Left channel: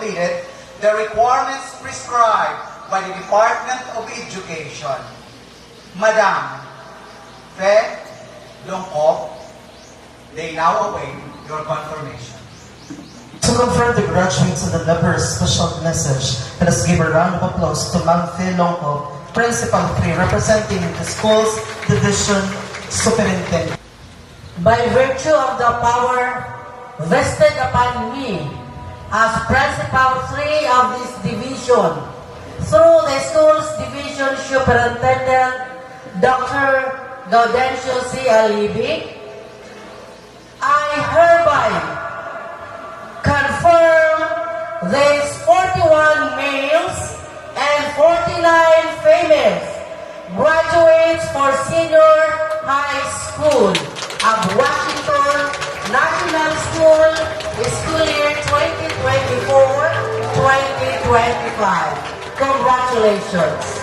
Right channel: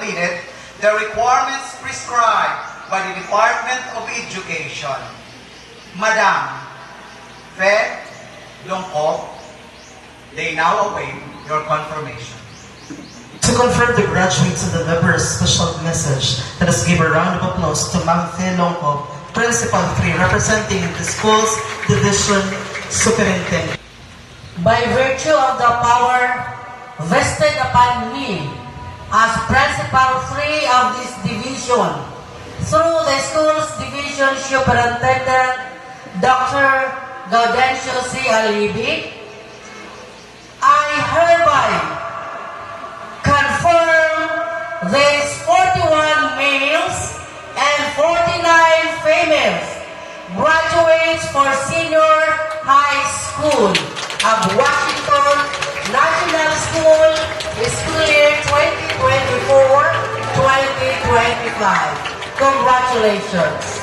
completed the requirements prescribed by the Department of Education. Madam Fe Longkop, they now await your confirmation. To confirm the graduates and deliver a special message, let us give a round of applause to Ma'am Fe Longkop, Principal 3, representing the school's division superintendent. By virtue of the power vested upon me as Principal 3 of this division, through the school's division superintendent, Dr. Gaudencio C. Alibi, I hereby confirm these 41 males and 49 females graduates for senior high school of Washington National School, school year 2024-2025. Congratulations.